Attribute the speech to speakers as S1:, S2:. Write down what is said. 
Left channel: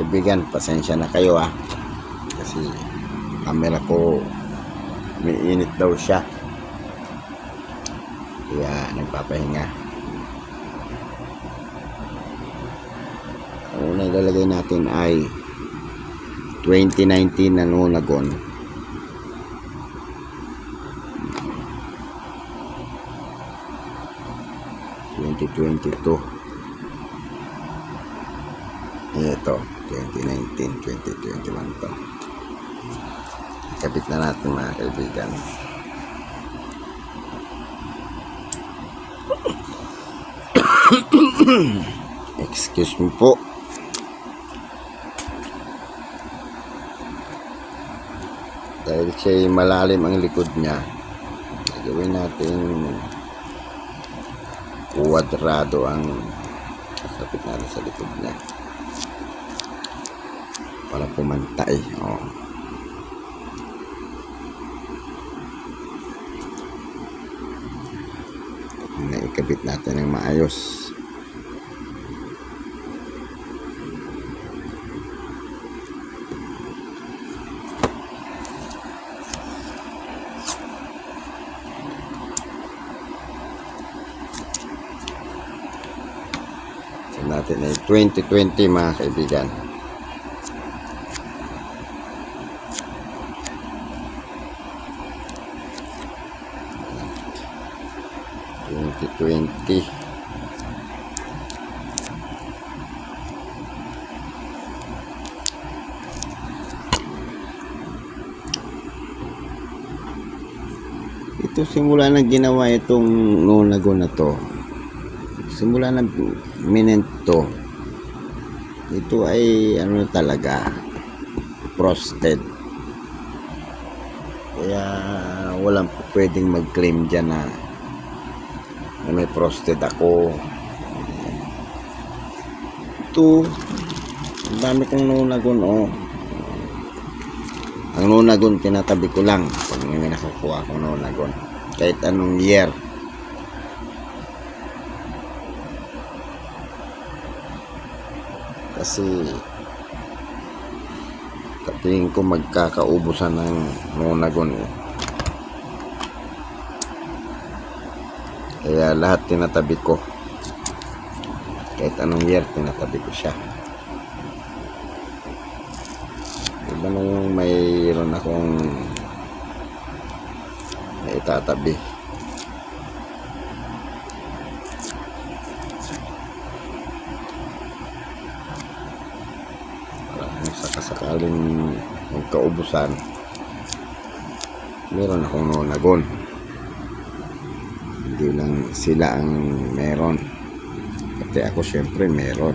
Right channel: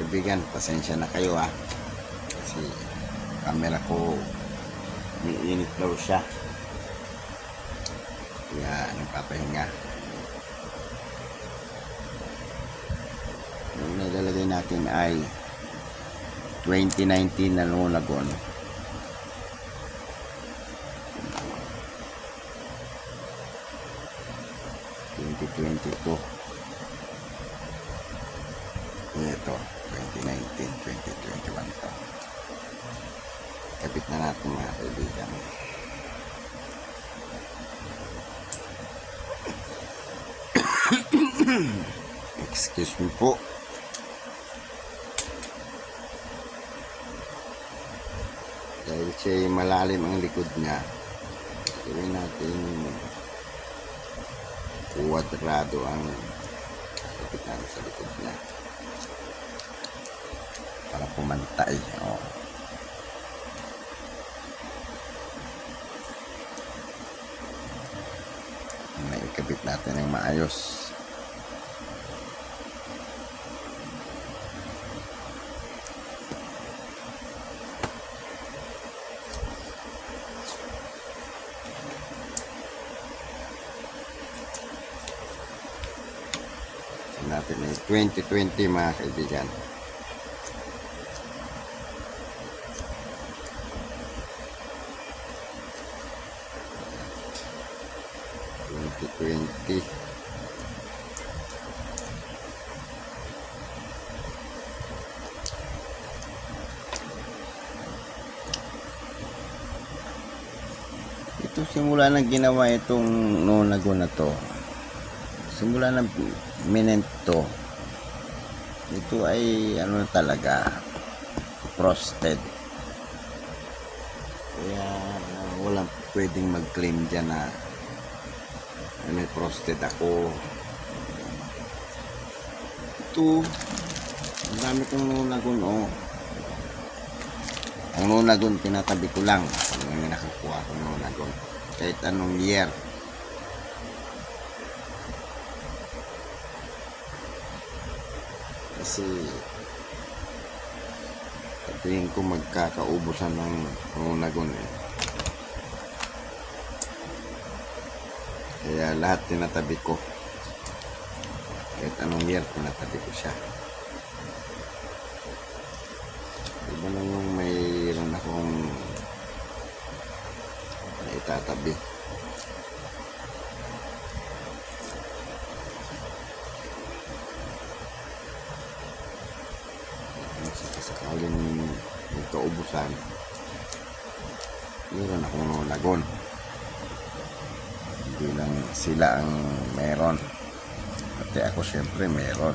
S1: kaibigan, pasensya na kayo ah. Kasi camera ko may init daw siya. Kaya nagpapahinga. Ang unang lalagay natin ay 2019 na Nunagon. Twenty twenty. Ito, 2019, 2021 to. Kapit na natin mga kaibigan. Excuse me po. Dahil siya malalim ang likod niya, gawin natin kuwadrado ang kapit natin sa likod niya. Para pumantay. Oh. Naikabit natin ng maayos. Natin ay 2020 mga kaibigan. Twenty twenty. Ito simula na ginawa itong nunago na to. Simula na minento. Ito ay ano talaga frosted. Kaya walang pwedeng mag-claim dyan na may frosted ako. Ito, ang dami kong nunagon oh. Ang nunagon tinatabi ko lang pag may nakakuha akong nunagon. Kahit anong year. Kasi kapingin ko magkakaubusan ng nunagon eh. Kaya lahat tinatabi ko. Kahit anong year, tinatabi ko siya. Diba nung mayroon akong may itatabi. Kung sakasakaling magkaubusan, meron akong nunagon. Hindi lang sila ang meron. Pati ako syempre meron.